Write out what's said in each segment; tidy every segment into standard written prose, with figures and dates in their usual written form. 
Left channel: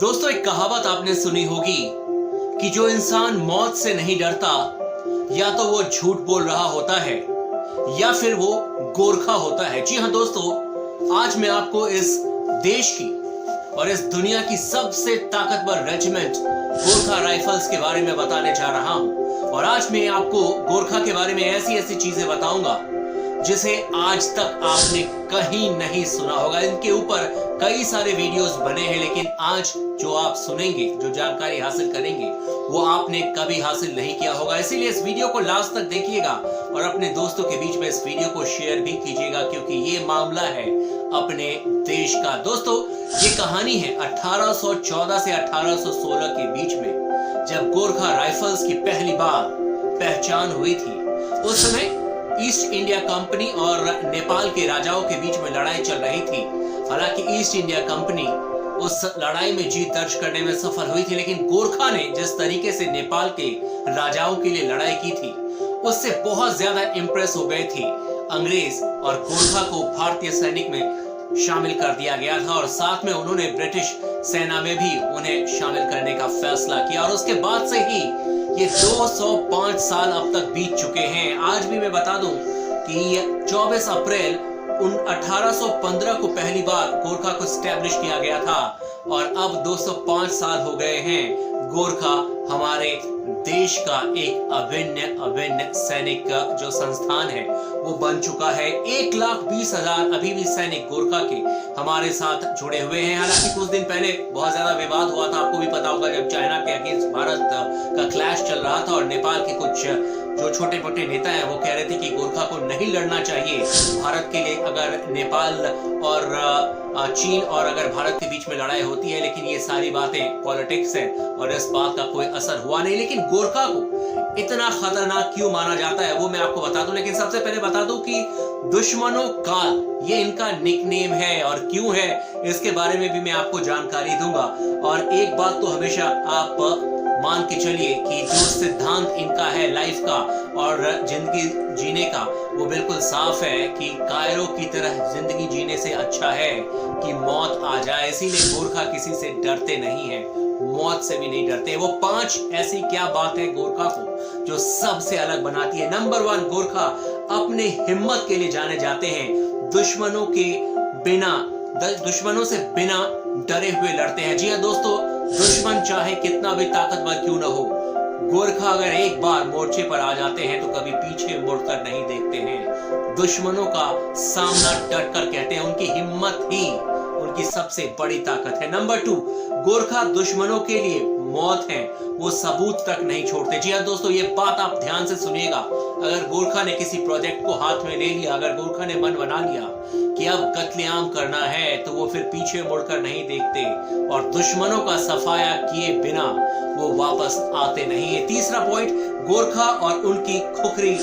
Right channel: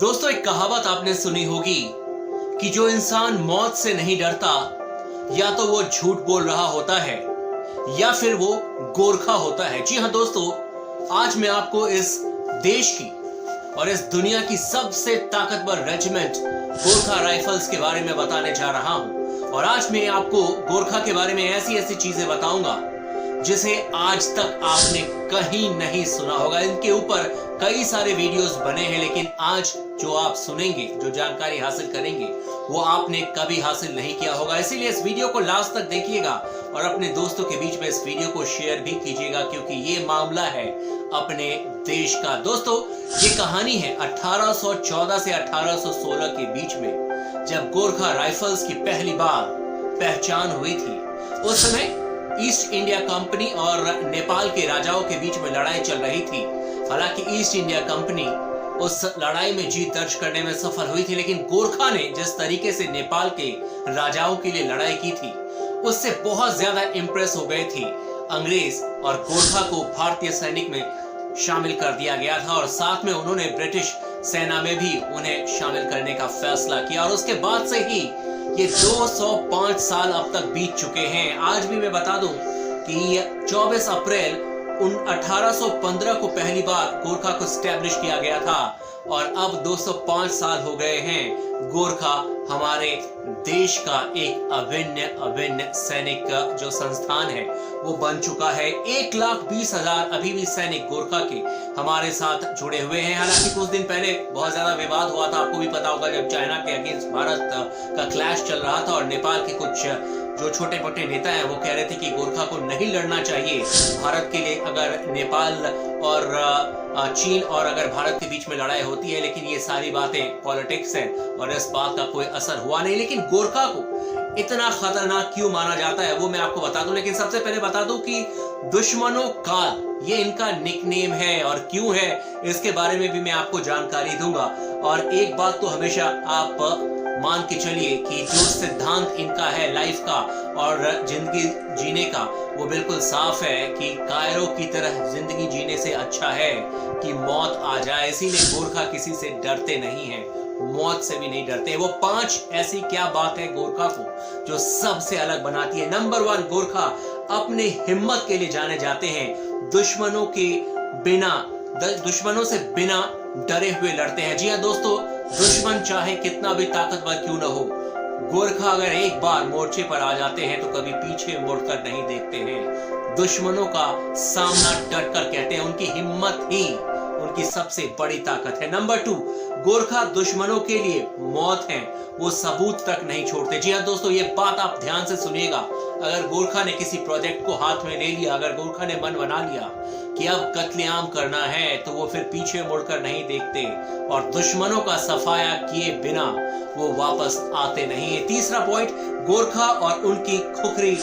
दोस्तों, एक कहावत आपने सुनी होगी कि जो इंसान मौत से नहीं डरता या तो वो झूठ बोल रहा होता है या फिर वो गोरखा होता है। जी हाँ दोस्तों, आज मैं आपको इस देश की और इस दुनिया की सबसे ताकतवर रेजिमेंट गोरखा राइफल्स के बारे में बताने जा रहा हूं। और आज मैं आपको गोरखा के बारे में ऐसी ऐसी चीजें बताऊंगा जिसे आज तक आपने कहीं नहीं सुना होगा। इनके ऊपर कई सारे वीडियोस बने हैं, लेकिन आज जो आप सुनेंगे, जो जानकारी हासिल करेंगे, वो आपने कभी हासिल नहीं किया होगा। इसीलिए इस वीडियो को लास्ट तक देखिएगा और अपने दोस्तों के बीच में इस वीडियो को शेयर भी कीजिएगा, क्योंकि ये मामला है अपने देश का। दोस्तों, ये कहानी है 1814 से 1816 के बीच में, जब गोरखा राइफल्स की पहली बार पहचान हुई थी। उस समय ईस्ट इंडिया कंपनी और नेपाल के राजाओं के बीच में लड़ाई चल रही थी। हालांकि ईस्ट इंडिया कंपनी उस लड़ाई में जीत दर्ज करने में सफल हुई थी, लेकिन गोरखा ने जिस तरीके से नेपाल के राजाओं के लिए लड़ाई की थी, उससे बहुत ज्यादा इंप्रेस हो गए थे अंग्रेज, और गोरखा को भारतीय सैनिक में शामिल कर दिया गया था और साथ में उन्होंने ब्रिटिश सेना में भी उन्हें शामिल करने का फैसला किया। और उसके बाद से ही ये 205 साल अब तक बीत चुके हैं। आज भी मैं बता दूं कि 24 अप्रैल 1815 को पहली बार गोरखा को स्टैब्लिश किया गया था और अब 205 साल हो गए हैं। गोरखा हमारे देश का एक अभिन्न सैनिक जो संस्थान है वो बन चुका है। 1,20,000 अभी भी सैनिक गोरखा के हमारे साथ जुड़े हुए हैं। हालांकि कुछ दिन पहले बहुत ज्यादा विवाद हुआ था, आपको भी पता होगा, जब चाइना के अगेंस्ट भारत का क्लैश चल रहा था और नेपाल के कुछ जो छोटे मोटे नेता हैं वो कह रहे थे कि गोरखा को नहीं लड़ना चाहिए भारत के लिए, अगर नेपाल और चीन और अगर भारत के बीच में लड़ाई होती है। लेकिन ये सारी बातें पॉलिटिक्स है और इस बात का कोई असर हुआ नहीं। लेकिन गोरखा को इतना खतरनाक क्यों माना जाता है वो मैं आपको बता दूं। लेकिन सबसे पहले बता दूं कि दुश्मनों काल ये इनका निकनेम है, और क्यों है इसके बारे में भी मैं आपको जानकारी दूंगा। और एक बात तो हमेशा आप मान के चलिए कि जो सिद्धांत इनका है लाइफ का और जिंदगी जीने का, वो बिल्कुल साफ है कि कायरों की तरह जिंदगी जीने से अच्छा है कि मौत आ जाए। इसीलिए गोरखा किसी से डरते नहीं हैं, मौत से भी नहीं डरते। वो 5 ऐसी क्या बात है गोरखा को जो सबसे अलग बनाती है। नंबर 1, गोरखा अपने हिम्मत के लिए जाने जाते हैं। दुश्मनों से बिना डरे हुए लड़ते हैं। जी हाँ दोस्तों, दुश्मन चाहे कितना भी ताकतवर क्यों न हो, गोरखा अगर एक बार मोर्चे पर आ जाते हैं तो कभी पीछे मुड़कर नहीं देखते हैं। दुश्मनों का सामना डट कर कहते हैं। उनकी हिम्मत ही उनकी सबसे बड़ी ताकत है। नंबर 2, गोरखा दुश्मनों के लिए मौत है, वो सबूत तक नहीं छोड़ते। जी हाँ दोस्तों, ये बात आप ध्यान से सुनिएगा। अगर गोरखा ने किसी प्रोजेक्ट को हाथ में ले लिया, अगर गोरखा ने मन बना लिया कि अब कत्लेआम करना है, तो वो फिर पीछे मुड़कर नहीं देखते और दुश्मनों का सफाया किए बिना वो वापस आते नहीं है। तीसरा पॉइंट, गोरखा और उनकी खुखरी,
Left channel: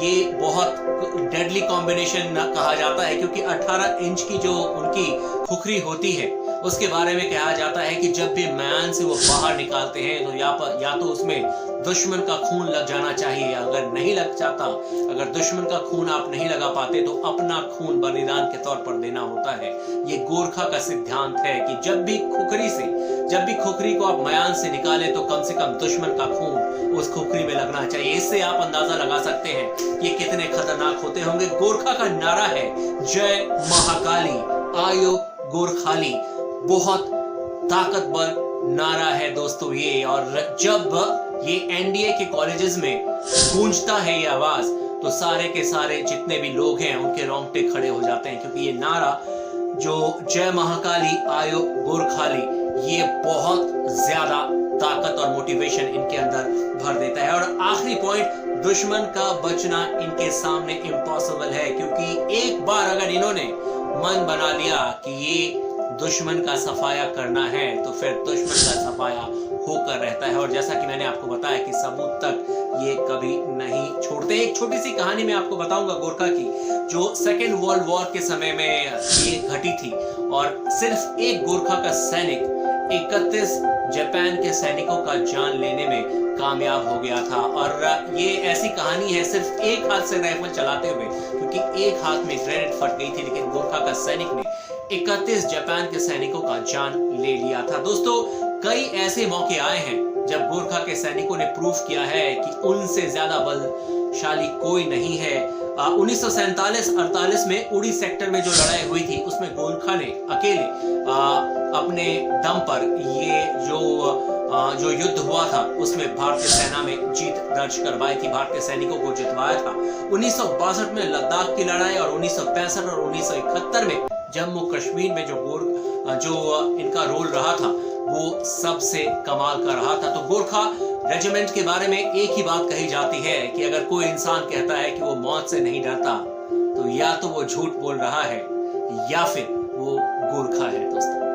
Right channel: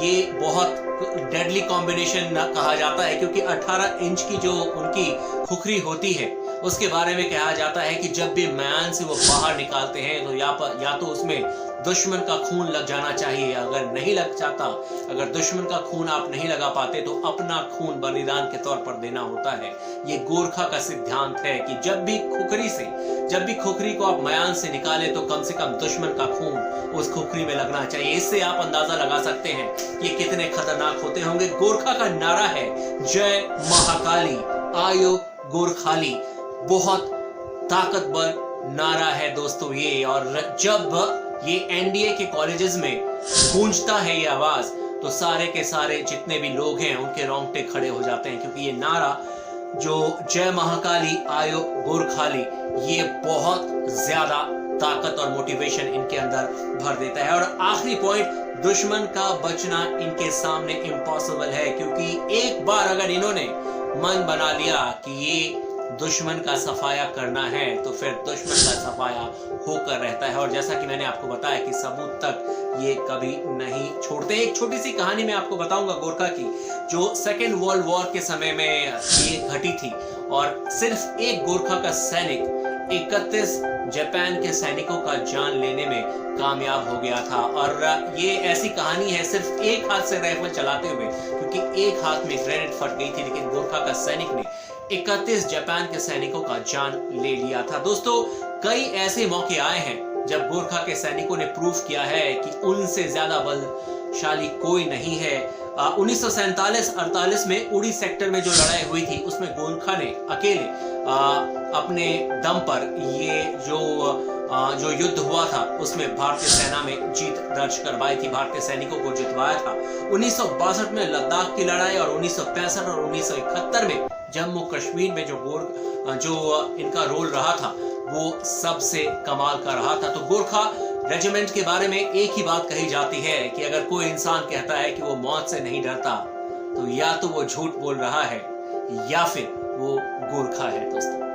ये बहुत डेडली कॉम्बिनेशन कहा जाता है, क्योंकि 18 इंच की जो उनकी खुखरी होती है उसके बारे में कहा जाता है कि जब भी म्यान से वो बाहर निकालते हैं तो या तो उसमें दुश्मन का खून लग जाना चाहिए। अगर नहीं लग जाता, अगर दुश्मन का खून आप नहीं लगा पाते तो अपना खून बलिदान के तौर पर देना होता है। ये गोरखा का सिद्धांत है कि जब भी खुखरी को आप म्यान से निकालें तो कम से कम दुश्मन का खून उस खुखरी में लगना चाहिए। इससे आप अंदाजा लगा सकते हैं ये कितने खतरनाक होते होंगे। गोरखा का नारा है जय महाकाली आयो गोरखाली। बहुत ताकतवर नारा है दोस्तों ये, और जब ये एनडीए के कॉलेजेस में गूंजता है ये आवाज, तो सारे के सारे जितने भी लोग हैं उनके रोंगटे खड़े हो जाते हैं, क्योंकि ये नारा जो जय महाकाली आयो गोरखाली, ये बहुत ज्यादा ताकत और मोटिवेशन इनके अंदर भर देता है। और आखिरी पॉइंट, दुश्मन का बचना इनके सामने इम्पॉसिबल है, क्योंकि एक बार अगर इन्होंने मन बना लिया कि ये दुश्मन का सफाया करना है तो फिर दुश्मन का सफाया होकर रहता है। और जैसा कि मैंने आपको बताया कि सबूत तक ये कभी नहीं छोड़ते। एक छोटी सी कहानी मैं आपको बताऊंगा गोरखा की, जो सेकेंड वर्ल्ड वॉर के समय में ये घटी थी, और सिर्फ एक गोरखा का सैनिक 31 जापान के सैनिकों का जान लेने में कामयाब हो गया था। और ये ऐसी कहानी है सिर्फ एक हाथ से राइफल चलाते हुए, क्योंकि एक हाथ में ग्रेनेड फट गई थी, लेकिन गोरखा का सैनिक ने 31 जापान के सैनिकों का जान ले लिया था। दोस्तों, कई ऐसे मौके आए हैं जब गोरखा के सैनिकों ने प्रूव किया है कि उनसे ज्यादा बलशाली कोई नहीं है। 1947-48 में उड़ी सेक्टर में जो लड़ाई हुई थी उसमें गोरखा ने अकेले अपने दम पर ये जो युद्ध हुआ था उसमें भारतीय सेना में जीत दर्ज करवाई थी, भारतीय सैनिकों को जितवाया था। 1962 में लद्दाख की लड़ाई और 1965 और 1971 में जम्मू कश्मीर में जो इनका रोल रहा था वो सबसे कमाल का रहा था। तो गोरखा रेजिमेंट के बारे में एक ही बात कही जाती है कि अगर कोई इंसान कहता है कि वो मौत से नहीं डरता तो या तो वो झूठ बोल रहा है या फिर वो गोरखा है। दोस्तों।